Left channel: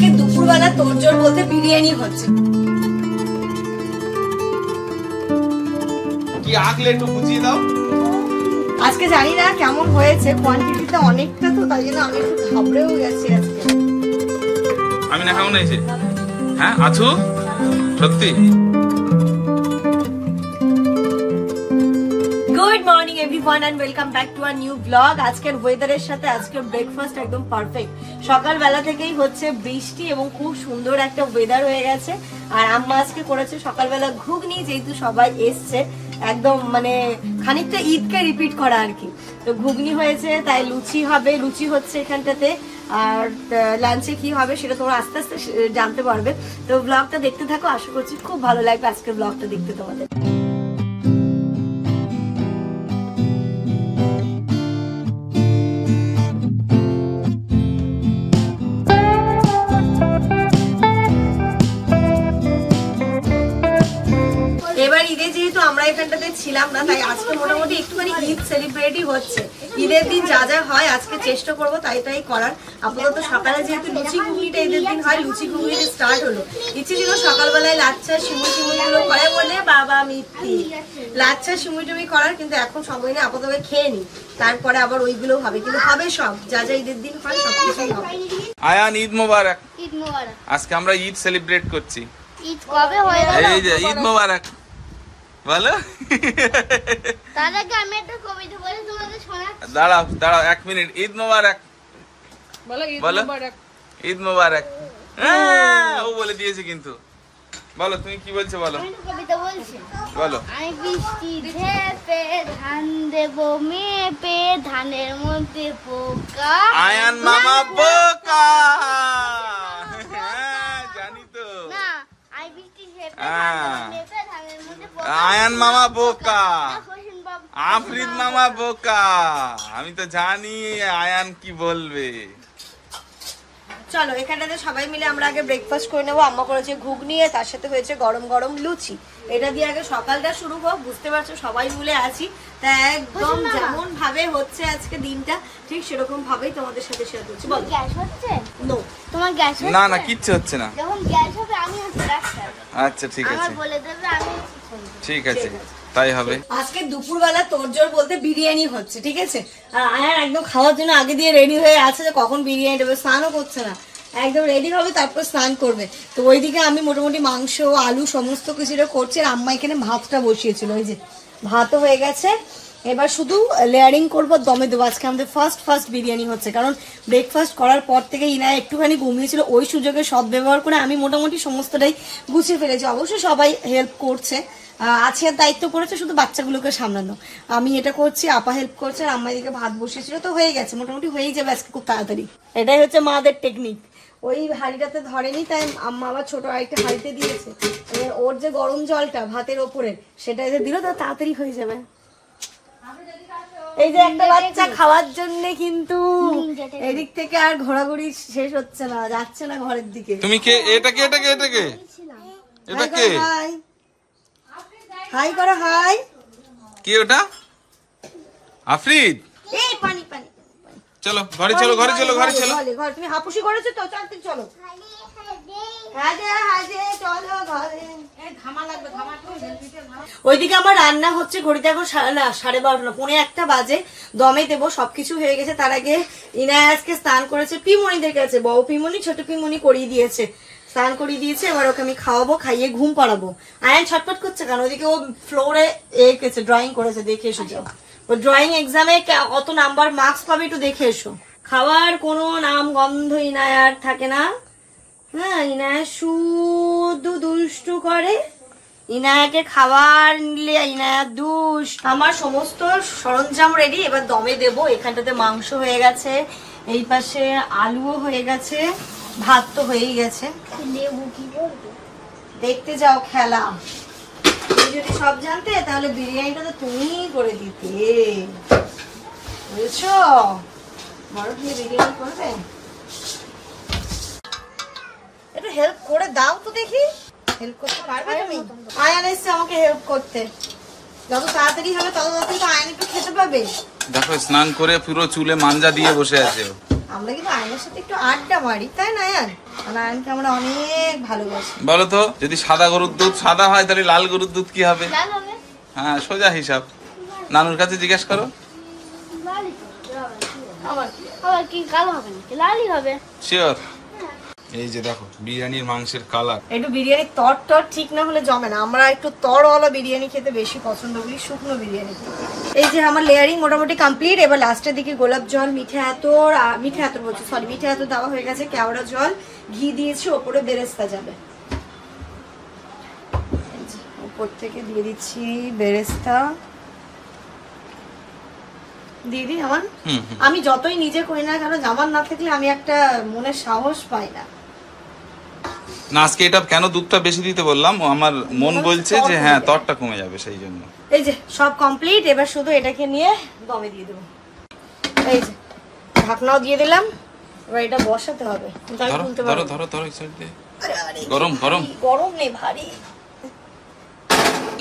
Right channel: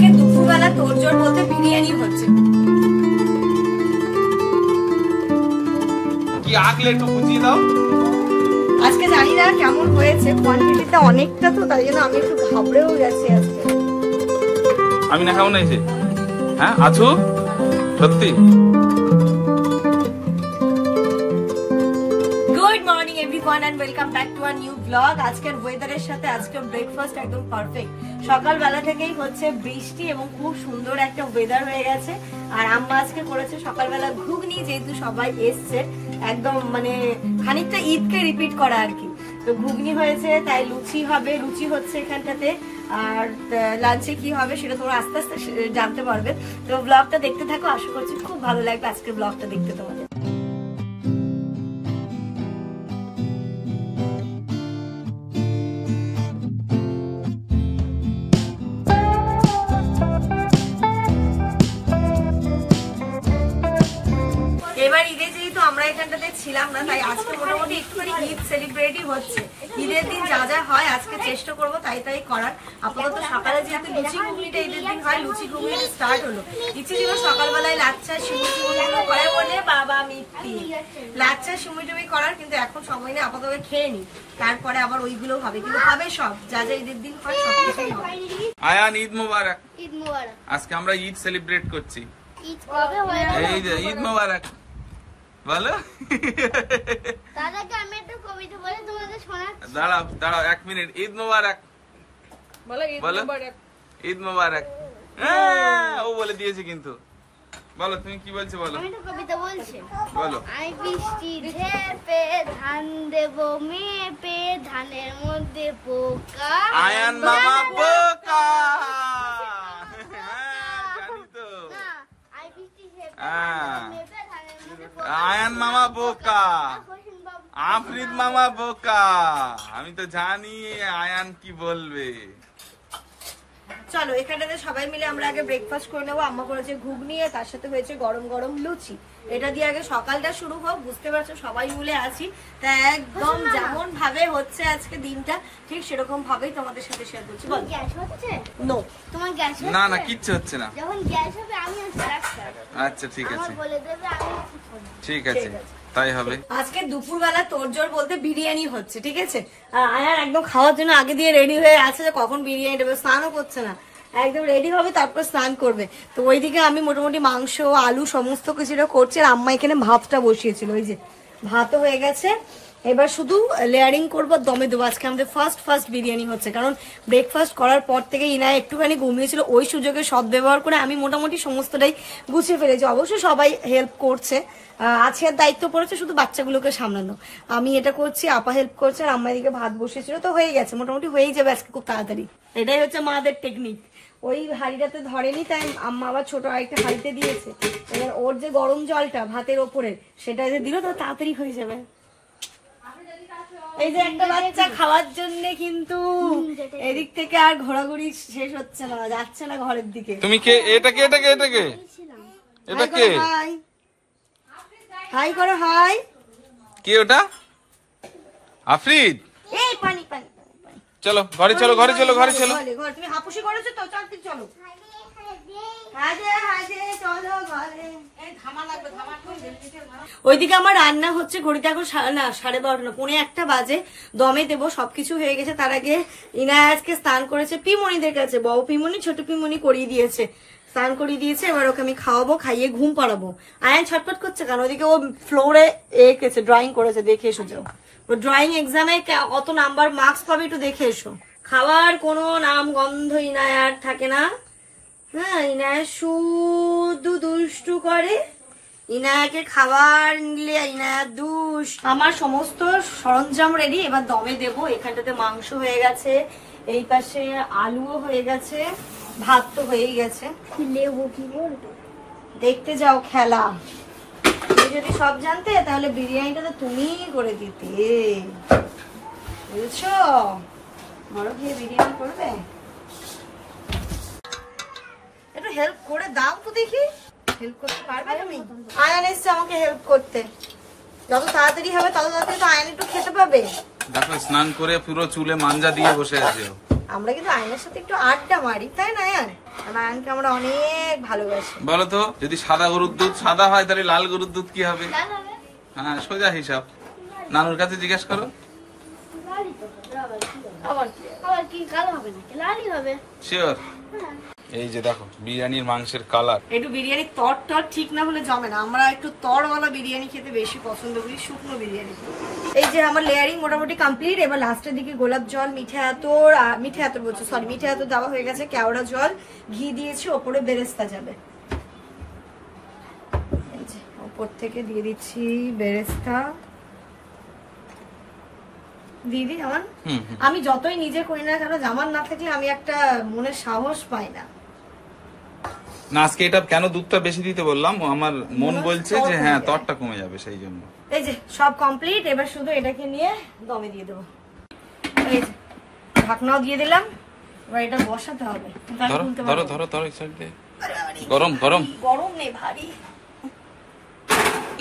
আজকে দুপুরবেলা তোরজোর বলতে বিরিয়ানি হচ্ছে। কি আগলে একটু বুঝিয়ে দাও। আজকে জানি না কেমন হয়েছে, কোয়ান্টিটিতে অনেকটা, তো তাই জন্য আমি একটু ঘাবড়েও গেছি আজকে। আমি না কেমন হয়েছে? হ্যাঁ আছো সত্যি? Good morning everyone and welcome back to a new blog. আজকের ওয়েদারের সাথে আজকের ব্রেকফাস্ট একদম পারফেক্ট। সকালবেলা থেকেই হচ্ছে বৃষ্টি এবং খুব সুন্দর একটা ওয়েদার হয়ে গেছে। আর আম্মা আজকে করেছে সকালবেলা ঘুগনি, যেহেতু সবাই এসছে একদম মানে খানিকটা ঈদকে রিপিট করা আর কি। তো ঘুগনি হয়েছে, তাই লুচি হবে, লুচি হচ্ছে এখানটাতে। আর লাঞ্চে কি হবে সেটা তোমরা আস্তে আস্তে জানতে পারবে। তো ব্লগটা দেখতে থাকো, আশা করছি খুব ভালো লাগবে আজকের ব্লগটা দেখতে তোমাদের। এবার ঈদে যেহেতু আমরা এখানটাতে ছিলাম না, তাই আজকে মোটামুটি একটুখানি ঈদ সেলিব্রেটই হচ্ছে। ঈদের দিন যা যা হয় আজকে চেষ্টা করবো তাই করার। আপাতত সকালে যেহেতু লুচি ঘুগনিটা ঈদের দিন হয়, লুচি ঘুগনি স্টার্ট হলো। ইচ্ছে ছিল সকালবেলায় লাচ্ছা সিমুই গুলো করে বলে বাবা মিথ্যি লাচ্ছা সিমুই টুমি করার, কিন্তু এখন সময় নেই, আপাতত খেয়ে নি, তারপরে আবার ওইগুলো হবে। কিন্তু হবে সব, যা যা ঈদের দিন হয় সবকিছুই হবে। আয়ান ঈদ মোবারক। ঈদ মোবারক। আজকে আমরা ঈদ সেলিব্রেট করছি। ঈদ কবে হয়? এই যে ঈদ মোবারক বলো। তার আগে আমি একটা কবিতা বলে তোমাদের শোনাচ্ছি। দাঁড়াও দাঁড়াও 1 মিনিট। ঈদ মোবারক বলো, ঈদ মোবারক। হ্যাঁ ও বলে দিয়েছে, কিন্তু বলো তুমি কি বলছো বলো। আমি একটা কবিতা বলছি, বলো। আমি বৃষ্টি ঝেপে ধান দেবো মেপে, ধানের মধ্যে পোকা। আয়ান মামা বোকা। হ্যাঁ জানি তো। না, আমি বৃষ্টি ঝেপে হ্যাঁ। মেপে ধানের মধ্যে পোকা। আয়ান মামা বোকা, হোসেন বাবু। আফরিদ মামা বোকা। আমি তো জানি আয়ান কি বলবে। চলো এখানটাতে সবাই মিলে আমরা আগে ব্রেকফাস্ট করে নেবো। আম্মা করেছে ঘুগনি, তার সাথে হয়েছে গরম গরম লুচি। এটা দিয়ে আগে সকালটা শুরু হোক, বুঝতে পারছো সবাই মিলে আছি, তা একদম যেমন ভাবে হচ্ছে আজকে দিনটা ঠিক সেরকম ভাবেই তোমাদের সাথে শেয়ার করছি। বলো গ্যাস হচ্ছে? নো, তোমার গ্যাস হচ্ছে? না না কিচ্ছু হচ্ছে না। যখন গ্যাস হবে আমি হচ্ছে ডাক্তার। আচ্ছা ঠিক আছে, আমার বলে দেবে, আমি হচ্ছে। ঠিক আছে তাই হবে। আজকে দুপুরবেলা তোরজোর বলতে বিরিয়ানি হচ্ছে, ঠিক আছে। আয়ার একদম খাওয়ার জন্য আগে দিয়ে রেডি হয়ে আছে যে কখন বিরিয়ানি দেবে। স্নানও করছে না, একদম রেডি হবে তারপর স্নান করবে। তো ওইদিকে আমি মোটামুটি মাংস আলু সমস্ত কিছুটা করছি, আর আম্মা এখানে ভাতটা বসিয়েছিল। ওই যে ভাতও হয়ে গেছে, এবার শুধু লেয়ারিং করবো, দমে দেবো। আজকে আমাদের ফার্স্ট বিরিয়ানি হচ্ছে, কারণ ব্রেকফাস্ট করার পর থেকে ইনা একটুখানি ঘুমিয়েছিল, ওই সুযোগে সব ব্যবহার করে আমি মোটামুটি সমস্তটাই গুছিয়ে ফেলেছি। অবশ্যই সবাই হেল্প করছে, আছে দায়িত্ব পড়েছে শুধু বাচ্চাগুলোকে সামলানো। আমি এটা করছি, আপা হেল্প করছে, আর আম্মা এদিকে ভাত বসিয়েছিল, তো হয়ে গেছে মোটামুটি, হয়েই যাবে আজকে খুব তাড়াতাড়ি। এটাই হচ্ছে মাদের টেকনিক। ওই হাঁড়িটাতে ধরেনি, তাই আম্মা আবার ছোট আরেকটা হাঁড়িতে দিয়েছে। এবার ওর যে গরম জলটা ভাতের ওপরের সেটা এসে দিল, তো তাড়াতাড়ি হয়ে যাবে। এই যে একটা বাচ্চা খাওয়ার জন্য কিন্তু এদিক থেকে আর ঘোরাঘুরি শেষ হচ্ছে না, যাচ্ছে না ঘরের দিকে। তুমি কে? এটাকে এটাকে এটাকে এটাকে হাই করো, হাই। কে ওটা? আফরিদ। এই পানি পানি, চলো ঘরে চলো, ঘরে চলো, ঘরে চলো। ঘরে তুমি হাপুসি করেছো তো, চালতে চলো। ওইদিকে আমার রান্না হচ্ছে, ঘড়িতে এখন 12:30 না 1:45 বাজে। দমে দেবো, সবকিছু হয়ে গেছে। তার আগে ইনায় আজকে স্নান করেছে পিমনিদের কাছে, বড় পিমনি ছোট পিমনি করিয়ে দিয়েছে, স্নান করিয়ে দিয়েছে। এবার ওকে আমি খাওয়াবো, খাইয়ে ঘুম পাড়াবো। আয়ান ছটপট করছে কেন? ওইদিকে ও ফ্লোরে এঁকেছে, ড্রয়িং করেছে, দেখে এসো যাও। ও ড্রয়িং এক্সামে কত নাম্বার মার্কস পাবে একটু দেখে এসো। খাওয়ার কোনো নাম গন্ধ ইনায় আর থাকে না। হ্যাঁ, ইনায় শুধু দুষ্টু করে। ইনায়াকে খাবার নিলে ইনায়া দুষ। আমার সমস্ত সরঞ্জাম রেডি, এবার দমে দেবো। এখানটাতে মাংস হয়ে গেছে, এই পাশে আলুও হয়ে গেছে, ভাত তো হয়েই গেছে। দেখতে যাও খেলা। তুমি যদি সব জানতে তাহলে বিরিয়ানিটা তো তুমিই করে দিতে, বুঝছো? বড় দিয়ে বিরিয়ানি করবে, একটু হেল্প করে দাও তো দেখি। হেল্প করতে পারবে তুমি? আয়ান এসছে আমাকে হেল্প করতে, যত তাড়াতাড়ি হবে তত তাড়াতাড়ি তো আয়ান একটু খেতে পাবে। দেখো স্নান করে পুরো চুলে মাঞ্জা দিয়ে বসে আছে। আমরা কিন্তু আয়নের সাথে একটু আড্ডা মারি, তাই না আয়ান? আয়ানকে আমরা অনেক ভালোবাসি। বলো তো, যদি সাদা গরুর দুধ সাদা হয় তাহলে লাল গরুর দুধ কি হবে? লাল হবে। হ্যাঁ, সোজা হিসাব। নানুর কাছে জিজ্ঞেস করো। লালই তো হবে। আবার আবার কি কালো হবে না? লালই হবে। শিওর? হ্যাঁ। এই যে দেখো বিরিয়ানির মাংসের কালার। একটু বিরিয়ানির তর ঠিক না হলে জমে না। আমরা একটু তরওয়ালা বিরিয়ানি খেতে বেশি পছন্দ করি, শুকনো বিরিয়ানি। এই যে আমার লেয়ারিং মোটামুটি কমপ্লিট। এবার লাস্টের দিকে গোলাপ জল, মিঠা আতর বলছি, সরি মিঠা আতর দেওয়া হয়ে গেছে, কেওড়া জল, ঘি দিয়েছি, ওপরে বেরেস্তা যাবে। এই যে ওপর থেকে দিয়ে দিচ্ছি বেরেস্তা। দিদি আমার, আমি যতই নিজে করি না কেন, জামার না থাকলে আমি একটা মনের সাহস পাই না। না, আজকে এটা কেন দুধটা বেশি দিতে বললাম, আমার মন বলছে যে হ্যাঁ তরটা কমে যাবে, সেই জন্য। এই যে সব কমপ্লিট। এবার শুধু এটাকে নিয়ে দমে দিয়ে দেবো। এই যে ঢাকনাও দিয়ে দিলাম। এবার এটা বসাতে হবে। ধরো ধরো ধরো, এই সাইড দিয়ে। গরম গরম গরম নেই, ভারী।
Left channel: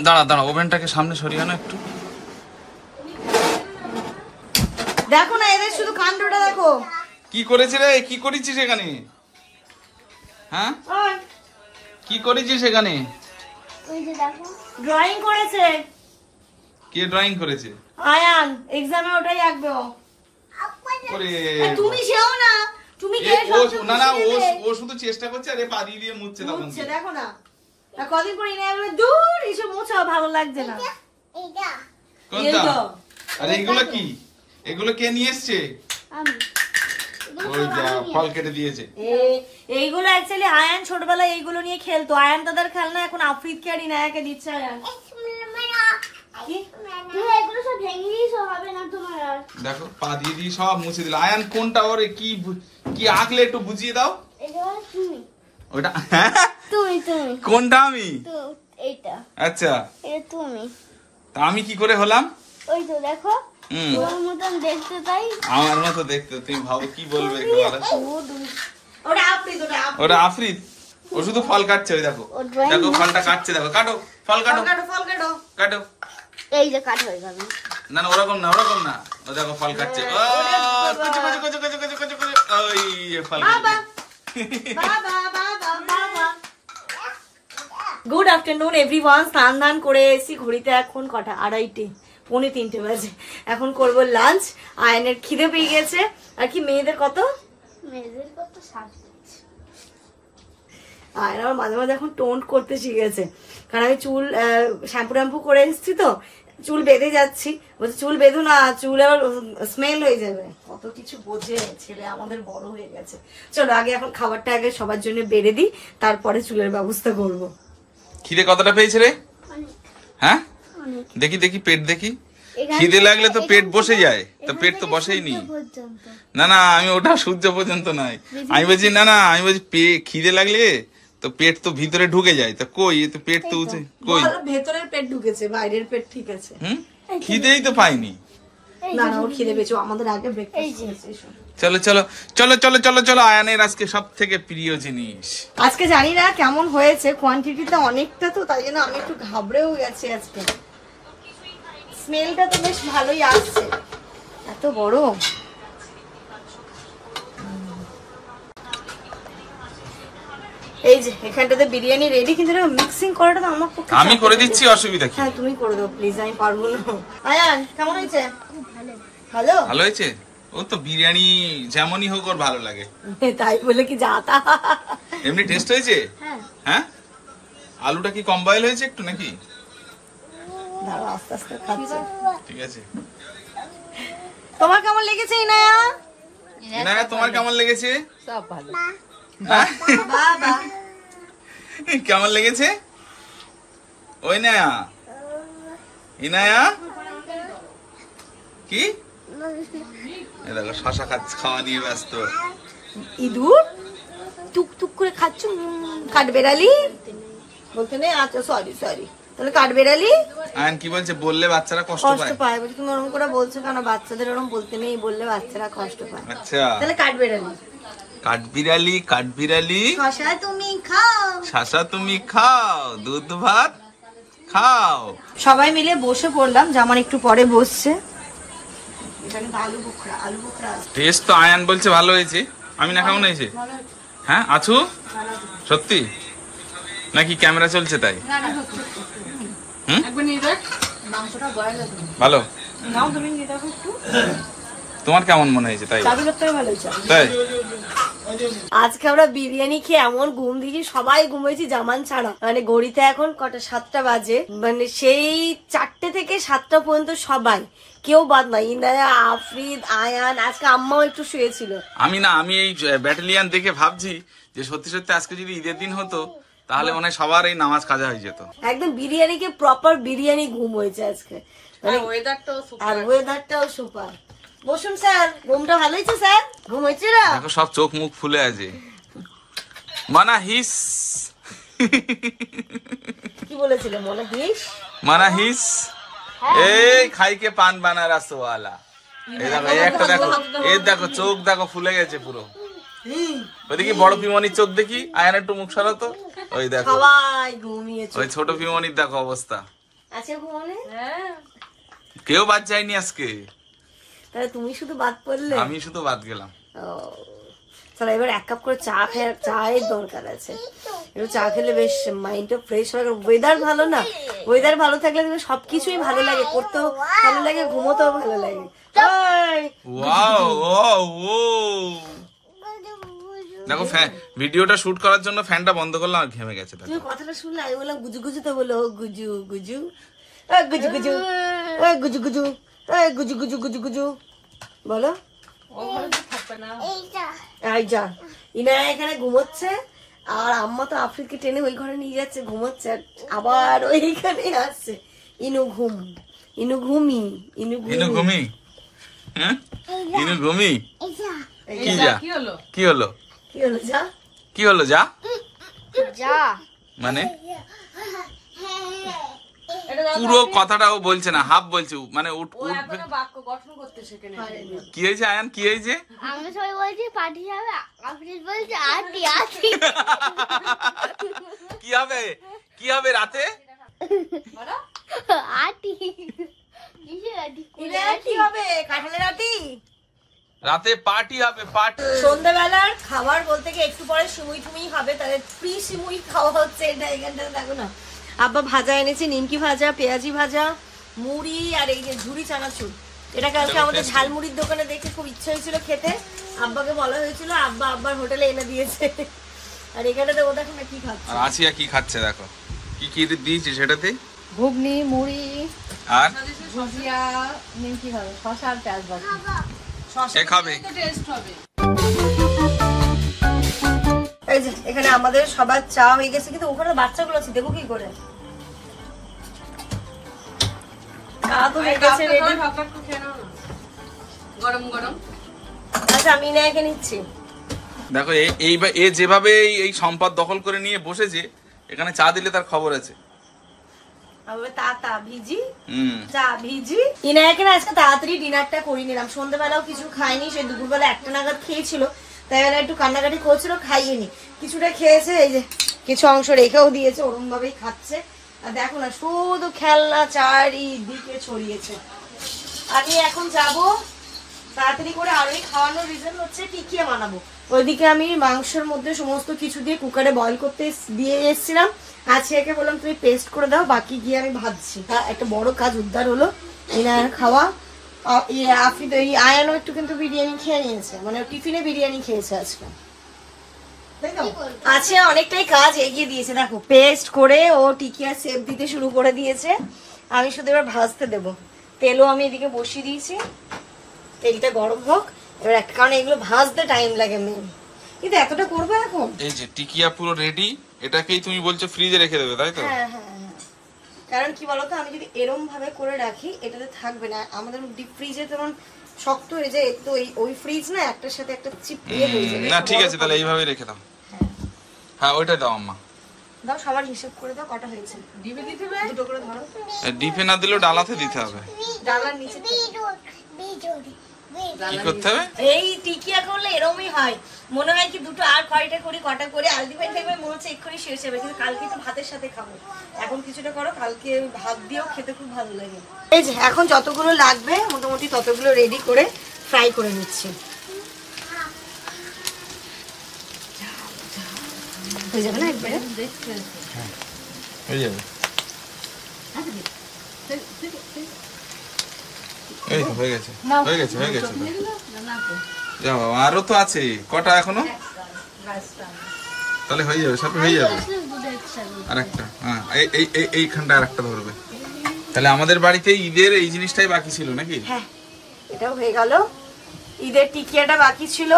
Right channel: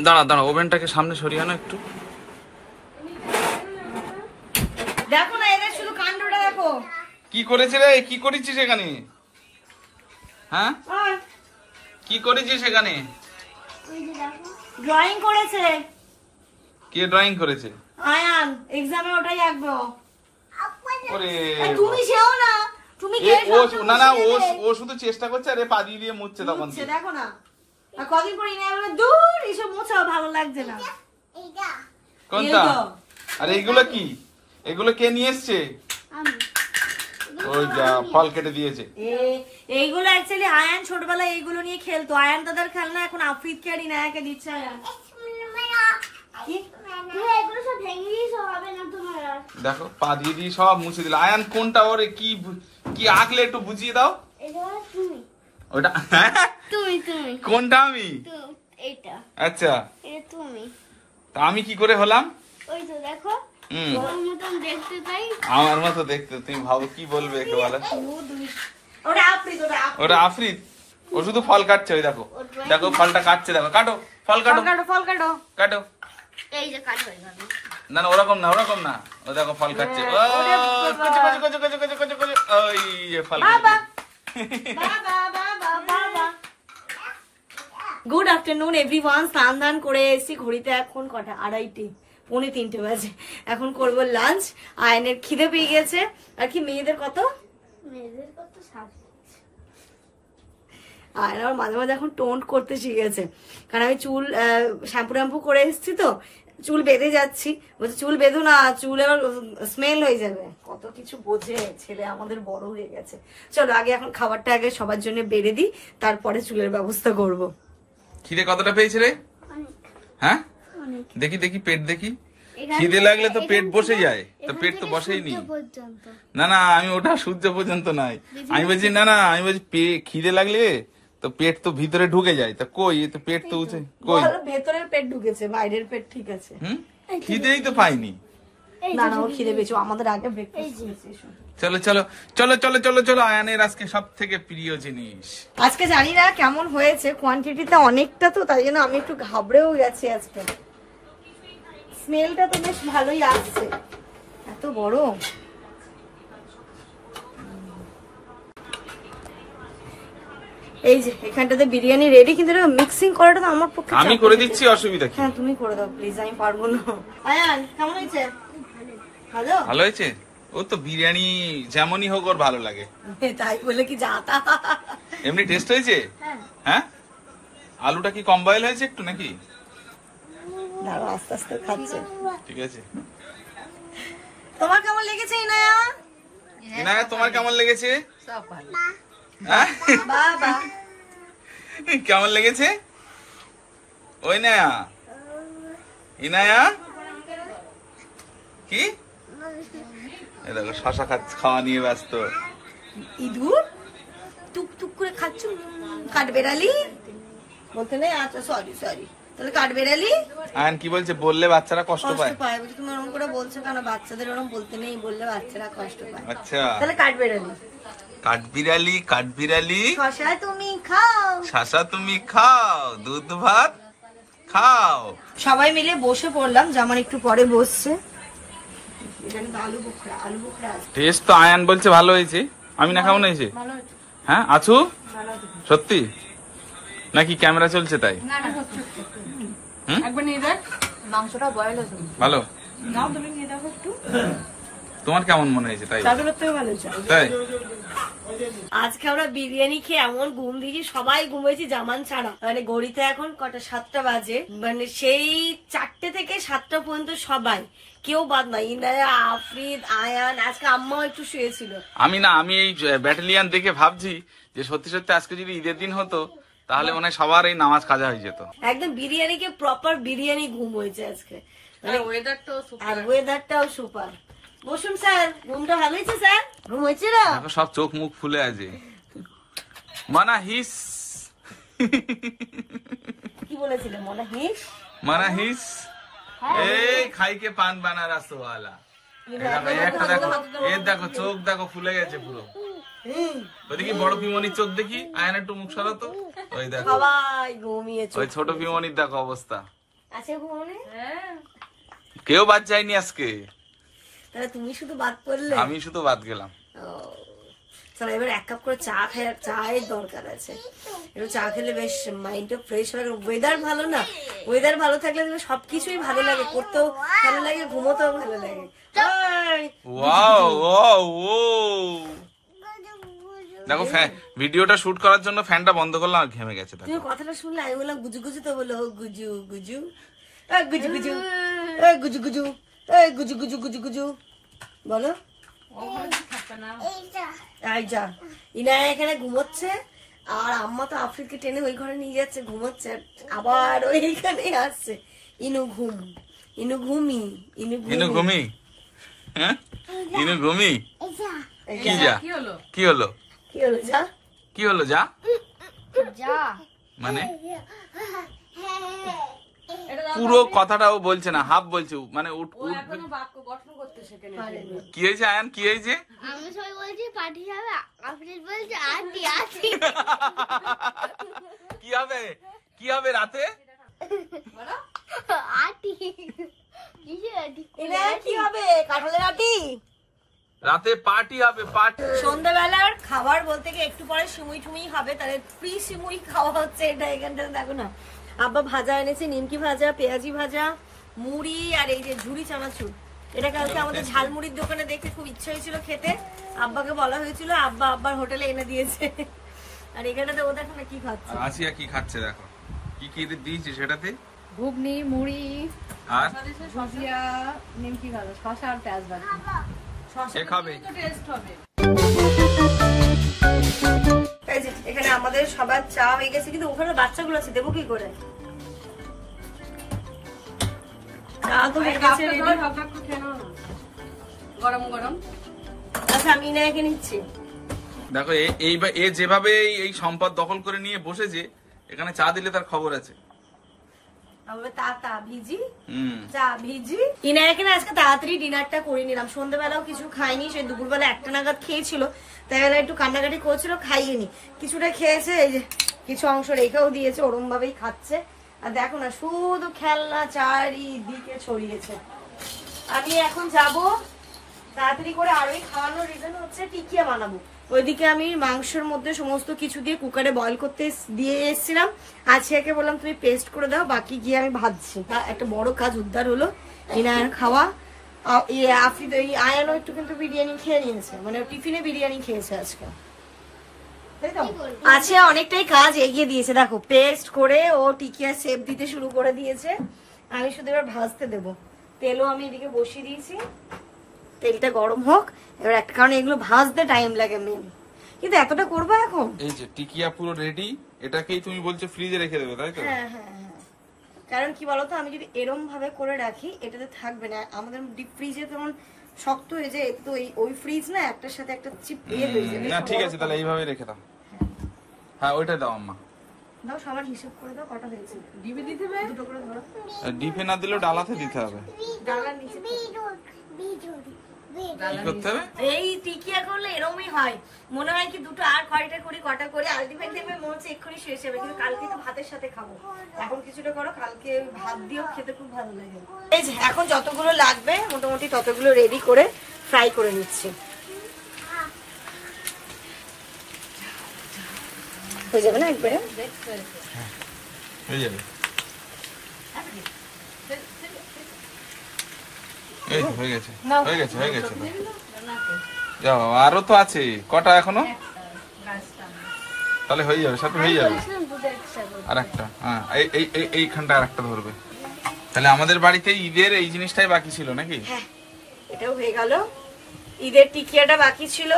দাঁড়া দাঁড়া, ওভেনটাকে সামনে সরিয়ে আনো একটু। দেখো না, এদের শুধু কাণ্ডটা দেখো। কি করেছে রে? কি করেছিস এখানে? হ্যাঁ, কি করেছিস এখানে? এই যে দেখো ড্রয়িং করেছে। কে ড্রয়িং করেছে? আয়ান, এক্সামে ওটাই আঁকবে ও। ওরে তুমি সেও না, তুমি কে? না না, ও শুধু চেষ্টা করছে, আরে পা দিয়ে মুছছে তখন। দেখো না, আর কদিন করে ইনি বলে দূর এসব মোছাও ভালো লাগছে না। এইটা কোনটা? আরে এগুলো কি? এগুলো কে নিয়ে এসছে? আমি ওই যা ফল কেটে দিয়েছে। এইগুলো অ্যাকচুয়ালি আয়ান ছোটবেলায় এইগুলো নিয়ে খেলতো। আয়ান দাদার খেলনা এখন আফ্রিদকে আর ইনায়াকে দিচ্ছে আয়ান। তুমি এগুলো সব ভেঙে দিয়েছো, হবে না তোমার আর। দেখো পা দিয়ে দিয়ে সব মুছে দিল। আয়ান কোনটা ওরে কি কি আঁকলে একটু বুঝিয়ে দাও। এটা তুমি, ওটা তুমি কোনটা? আমি? এইটা। আচ্ছা, এটা তুমি। তা আমি কি করে হলাম? ওই তো দেখো, হুম, তোর মতন দেখতে তাই। আমার মতো দেখতে। তুমি ভাবো কি বলবে একটু বলো। ওটা আফ্রিদ, ওরা আফ্রিদ। ও শুধু ফল কাটছে, ওই দেখো দেখো ফলটা কাটছে, দেখো কাটো, ফল কাটো ফল কাটো কাটো। এই যে কাট হয়ে গেল। না না, ওরকম না, ওরকম না। ও দেখো ফল কাটছে। ও কচু কচু কচু কচু কচু কচু কচু। ওই যে ফল কাটছে। Good afternoon everyone. স্নান ধান করে এসেছি। ঘড়িতে এখন কটা? 2:30, 2:45 বাজে। এখন করব লাঞ্চ। আয়নের খিদে পেয়ে গেছে। আর কি মেয়েদের কত? মেয়েদের কত সাজ। আয়ন আমার মাঝে মাঝে এখন টোন্ট করতে শিখেছে, কারণ আমি চুল শ্যাম্পু করে এসেছি তো, চুল বেঁধে যাচ্ছি। বলছে চুল বেঁধো না, চুল আবার স্মেল হয়ে যাবে। কত কিছু বোঝে ছেলে, আমাদের বড় হয়ে গেছে। চলো আগে এখন খাবারটা আগে সবার জন্য বেড়ে দিই, তারপরে চুলের ব্যবস্থা করব। খিদে কতটা পেয়েছে রে? হ্যাঁ দেখি দেখি, পেট দেখি। খিদে লাগলে তো পেট বসে যায়, তো পেট তো বসেই নি। না না, আমি ওটা সূর্য পর্যন্ত নাই। আমি বলছি না না, আমি বলছি খিদে লাগলে তো পেট তো ভিতরে ঢুকে যায়। তা কই, তো পেট তো উঠে কই? ভেতরের পেট ঢুকেছে, বাইরের পেট ঠিক আছে। খিদেই তো পাইনি। না না, ও খিদে পেয়েছে, আমাদের আগে ব্রেকফাস্ট। চলো চলো চলো চলো চলো চলো, আয়ানের আজকে সব থেকে প্রিয় জিনিস। আজকে জানি না কেমন হয়েছে, কোয়ান্টিটিতে অনেকটা তো, তাই জন্য আমি একটু ঘাবড়েও গেছি আজকে। স্মেলটা তো বেশ ভালোই আসছে। এত বড়। এই যে এখানটাতে বিরিয়ানি রেডি, কিন্তু মিক্সিং করাটা তো আমার পক্ষে। আমি করে দিচ্ছি, অসুবিধা কি? হ্যাঁ তুমি করে দাও প্লিজ, আমি পারবো না। আয়ান কেমন হয়েছে? ভালো ভালো হয়েছে। ও তো বিরিয়ানি যেমনই হোক ওর ভালো লাগে, তাই বলে কি যাতা? এমনি টেস্ট হয়েছে। হ্যাঁ, আলুটা কি কম বয়েল হয়েছে একটু নাকি? দাঁড়াও আস্তে আস্তে খাচ্ছি। ঠিক আছে। তোমার কেমন লেগেছে ইনায়া? ইনায়া তোমার কেমন লেগেছে? সব ভালো। হ্যাঁ? বাবা কেমন লেগেছে? ওই না ইনায়া কি? এই দেখো শশা খাওয়া নিয়ে ব্যস্ত। ইঁদুর টুক টুক করে খাচ্ছ, কাঠ বেড়ালি বলতে নেই। আচ্ছা সরি সরি, তাহলে কাঠ বেড়ালি। আয়ন কি বলছে? বললে বাচ্চারা কষ্ট পায়। পায় বলছে, তুমি ওরকম করে বলছো কেন? বাচ্চাদের ওরকম বলতে নেই, বললে বাচ্চারা কষ্ট পায়। আচ্ছা, তাহলে কাঠ বেড়ালি। কাঠবিড়ালি কাঠবিড়ালি, শশা তুমি খাও, শশা তুমি খাও, দুধ ভাত খাও। সবাই মিলে বসে পড়লাম, যেমন একটু পরে বসছে। এটা কিন্তু আলু বোখরা আছে। টেস্ট তো আয়ান বলছে ভালো হয়েছে, আমি না কেমন হয়েছে? ভালো হয়েছে, হ্যাঁ আছু ভালো হয়েছে। সত্যি নাকি ক্যামেরা চলছে তাই? না না সত্যি। হুম? একবার নিয়ে দেখ, মাংসটা বয়েল আছে। ভালো। নাও তুমি নিয়ে দেখো একটু। তোমার কেমন মনে হয়েছে তাই? চাদুরের থেকে ভালো হয়েছে। তাই আজকে আমরা বিরিয়ানি খেয়ে এমন ঘুম দিয়েছি, সবাই ঘুমিয়েছি জামান ছাড়া। মানে ঘড়িতে এখন কটা 7টা বাজে, মানে সেই 4টে থেকে 7টা পর্যন্ত সবাই, কেউ বাদ নাই। ইনায়া, আফরিদ, আয়ান, আজকে আম্মাও একটু শুয়েছিল। আমি এই ব্যাটালিয়ান দেখে ভাবছি যে সত্যি সত্যি আজকে যদি ঈদের দিন হতো তাহলে মনে হয় সবার এই নামাজ কাজা হয়ে যেত। একদম বিরিয়ানিকে প্রপার বিরিয়ানি ঘুম হয়েছে আজকে, আর ওয়েদারটাও সুপার। বসুন স্যার, ঘুমটা ভালো হয়েছে স্যার? ঘুম হয়েছে না? দেখো সব চোখ মুখ ফুলে আছে। মানা হিস কি বলেছিলে মনে হিস? মানা হিস এই খাইকে পান বানা রাসওয়ালা। এই দেখো এই একটা দেখো, এই দেখো চোখ দেখো ফুলে গেছে পুরো। ওইদিকে বড় পিমনির চোখ দেখি, আয়ান একটু মুখ সরাতো। ওই দেখো সবাই ঘুমিয়েছে। ওই ছোট পিমনির দেখো অবস্থা। আছে ঘুমনে? কেউ বাদ যায়নি আজকে, তাহলে তুমি শুধু বাদ পড়লে? আমি শুধু বাদ গেলাম। চলো এবার 1 কাপ করে চা খাই, আর চায়ের দরকার আছে। এবার চা খেলে বেশ মাইন্ডটা ফ্রেশ হয়। ওয়েদার ভালো না, ওয়েদার ভালো থাকলে সবকিছুই ভালো লাগে, করতেও ভালো লাগে, ঘুমোতেও ভালো লাগে। ওয়াও ওয়াও ও দেখো ভিডিওটা শুট করার জন্য ফ্যানটা বন্ধ করলাম আর ঘেমে গেছে। তুমি কথাটা শুনলে আমি বললাম গুজু গুজু, তো বলো গুজু গুজু, গুজু গুজু, গুজু গুজু, গুজু গুজু গুজু গুজু বলো। এই যা, ইনারা এখানে ঘুমোচ্ছে, আর আম্মা তো আফ্রিদকে টেনে ওই ঘরে নিয়ে যাচ্ছে, ঘুমোচ্ছে, আর আবার ওইখানে আসছে। ইনু ঘুম, ইনু ঘুমি, ইনু ইনু ঘুমি, হ্যাঁ ইনু ঘুমি। কি যা কি হলো কি হলো যা? কি হলো যা যা মানে পুরো কথাটাও বলছে না, হাফ বলছে, মানে উঠবে। কি হয়েছে আয়ান, কি হয়েছে? আমি সবাই বলছি পার্টি যাবে, আফরিদ বলছে আটি আটি। কি হবে, কি হবে রাতে? আটি কিসের আটি? কি হবে? কাঁঠালের আটি? রাতে পার্টি হবে, পার্টি। সন্ধ্যাবেলার খাবার বলতে কি একটু পরে সিমুই টুমুই হবে, তাহলে ফ্রি সিমুই খাওয়া হচ্ছে। এটা এখানটা দেখো না, আব্বা ভাজা এনেছে, নিমকি ভাজা, পেঁয়াজি ভাজা, মুড়ি, আর এই যে ঝুড়ি চানাচুর। এটাকে আজকে আমাদের ঝালমুড়ির দোকানে দেখে খুব ইচ্ছা হয়েছিল খেতে, আব্বাকে বলা হয়েছিল, আব্বা আব্বার হোটেলে এনে দিয়েছে। আর এখানটাতে ও দেখো না কি খাচ্ছে, আর আসিয়া কি খাচ্ছে দেখো, কি কি দিয়েছি সেটাতে? ঘুগনি, মুড়ি, আর ভুজিয়া, নিমকি ভাজা, শসা আর পেঁয়াজ ভাজা। এ খাবে। এই যে এখানে আমাদের সবার চা হয়ে গেছে, কিন্তু ওখানে বাচ্চাগুলো আছে, দেবো কি করে? চা তো হয়ে গেছে রেডি। গরম গরম। আচ্ছা আমি না এখানে নিচ্ছি। দেখো এ যেভাবে এই সম্পদ দখল করে নিয়ে বসেছে, এখানে চা দিলে তার খবর আছে। আজকে তাড়াতাড়ি ডিনারটা করে নিলাম, সন্ধ্যাবেলাও কিছু খাইনি, সে দুপুরবেলা 1টা নাগাদ খেয়েছিল, তাই বেলা একটু কান্নাকাটি করছিল, খাইনি, কিছুটা খেয়েছে, এই যে কিছু অংশ রেখেও দিয়েছে, ওরম ভাবেই খাচ্ছে। আর দেখো না শুধু খেলনা চারিদিকে ছড়িয়েছে। আমি এখন যাব তাড়াতাড়ি করে, আর ওই খাওয়ানোর রিজন হচ্ছে টিকিয়া বানাবো। ওইদিকে আমি মাংসের মধ্যে সমস্ত কিছু দিয়ে কুকারে বয়ল করতে দিয়ে এসেছিলাম, আছিয়াকে বললাম তুমি পেস্ট করে দাও, বাকি গিয়ে আমি ভাজছি। একটা বড় কাজ উদ্ধার হলো, ইনার খাওয়া। আফরিদ ওই আয়ানও একটু কিন্তু বিরিয়ানি খেয়ে নিয়েছে, মানে টিফিনে বিরিয়ানি খেয়েছে আজকে। আছিয়া অনেকটাই কাজ এগিয়ে দিয়েছে, দেখো পেস্ট করে ও টিকিয়া শেপ দিতে শুরু করে দিয়েছে। আমি শুধু এবার ভাজতে দেবো, তেলও আমি এদিকে বসিয়ে দিয়েছি, তেলটা গরম হোক এবার। একটা কারণে এগুলো ভাজতে টাইম লাগে মেন, কিন্তু এতটা করবো এখন। এই যে টিকিয়া পুরো রেডি, এটাকেই তুমি বলছো ফ্রিজে রেখে দেবে তাই তো? হ্যাঁ হ্যাঁ হ্যাঁ, কারণ কি বলতো আমি যদি এরম ভাবে করে রাখি এটাতে থাকবে না, আমাদের ডিপ ফ্রিজে যেমন শক্ত হয়ে যায়, তো ওই ফ্রিজ না একটার সাথে একটা চিপ হয়ে যাবে। না ঠিক আছে, তাহলে এইভাবে রেখে দাও। হ্যাঁ ওইটা দাও আম্মা, দাও সবার হিসাব করে দাও কটা হয়েছে। ডিপে দিতে হবে, দুটো করে ধরো। ডিপে না দিলেও ডালাতে দিতে হবে। ডালার নিচে কি করতে হবে? এই টিকিয়া করলে এরকমই হয়, মনে হয় কি দুটো আর কয়টা করি কটা করে আলটিমেট দেখবে মনে হচ্ছে এক্ষুনি শেষ হবে, কিন্তু কালকে তো ভাতের সাথে খাবো। এখন কিছুটা করো, কালকে ভাত দিয়েও খেতে খুব ভালো লাগে। এই যে এখন যতগুলো লাগবে মোটামুটি ততগুলো রেডি করে ফ্রাই করে নিচ্ছি। হয়ে যাবে না একবারে? হয়ে যাবে। এই তো হয়ে গেছে, হয়ে গেছে, হয়ে গেছে তো। যাও, আরো তো আছে কটা এখনো, তাহলে হয়ে যাবে, সাথে হয়ে যাবে। আর একটা, হ্যাঁ, এইখানটা আর একটা ধরবে। তাহলে আমাদের বাড়িতে ঈদের এই জিনিসটাই বাকি ছিল নাকি? হ্যাঁ, এটাও হয়ে গেল। ঈদের টিকিয়াটা বাকি ছিল,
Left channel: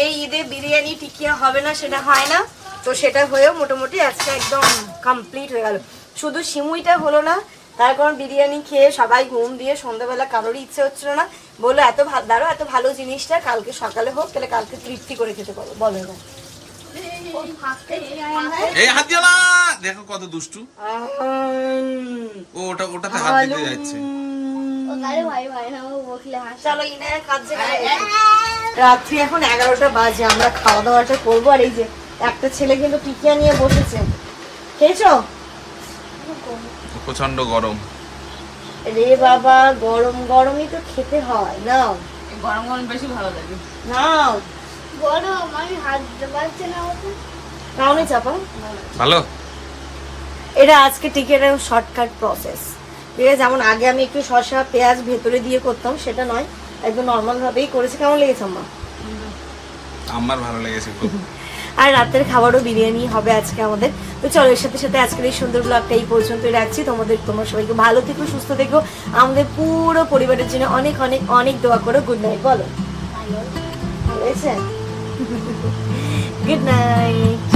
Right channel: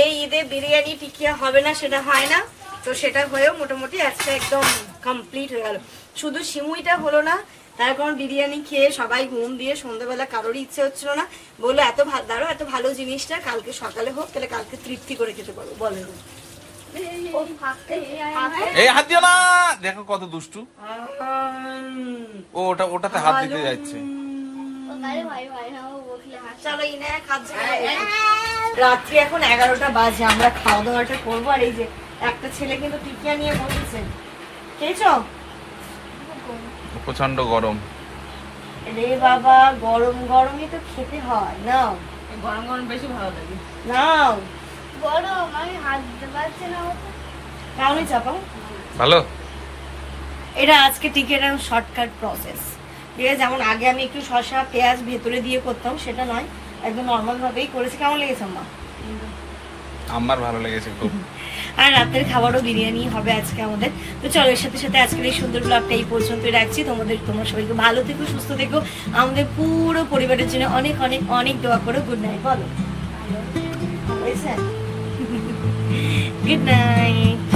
এই ঈদে বিরিয়ানি টিকিয়া হবে না সেটা হয় না, তো সেটা হয়েও মোটামুটি আজকে একদম কমপ্লিট হয়ে গেল। শুধু সিমুইটা হলো না, তার কারণ বিরিয়ানি খেয়ে সবাই ঘুম দিয়ে সন্ধ্যাবেলা কারোরই ইচ্ছে হচ্ছিল না, বললো এত দাঁড়ো, এত ভালো জিনিসটা কালকে সকালে হোক, তাহলে কালকে তৃপ্তি করে খেতে পারবো, বলে না। এই হাত দিও না, দেখো কত দুষ্টু। ও ওটাতে হাত দিতে যাচ্ছে। চলো ইনার খাচ্ছে। রাত্রি এখন 11টা বাজে, আমরা খাওয়া দাওয়াটা করবো। আর এই যে একটা ছেলে কিন্তু টিকিয়া নিয়ে বসেছে, খেয়েছো? প্রচন্ড গরম রে বাবা, গরম গরমই তো খেতে হয়। নাও, গরম গরম বেশি ভালো লাগে। নাও, গরম, আমি হাত দিতে পারছি না। নাওনি চাপা। ভালো। এটা আজকে টিকিয়াটা শর্টকাট প্রসেস, ঠিক আছে? যেমন আগে আমি একটু শসা পেঁয়াজ ভেতরে দিয়ে করতাম, সেটা নয়, একদম নর্মাল ভাবেই করেছি। কেমন লেগেছে আম্মা? আমার ভালো লেগেছে খুব। আর রাতের খাবারও বিরিয়ানি হবে আজকে আমাদের। তো চলো, এর সাথে সাথে আজকের এই সুন্দর ব্লগটা এই পর্যন্তই রাখছি। তোমরা সবাইকে ভালো থেকো, সুস্থ থেকো, আমাদের পুরো পরিবারের জন্য অনেক অনেক অনেক দোয়া করো। গুড নাইট বলো। ভালো হয়েছে? Good night.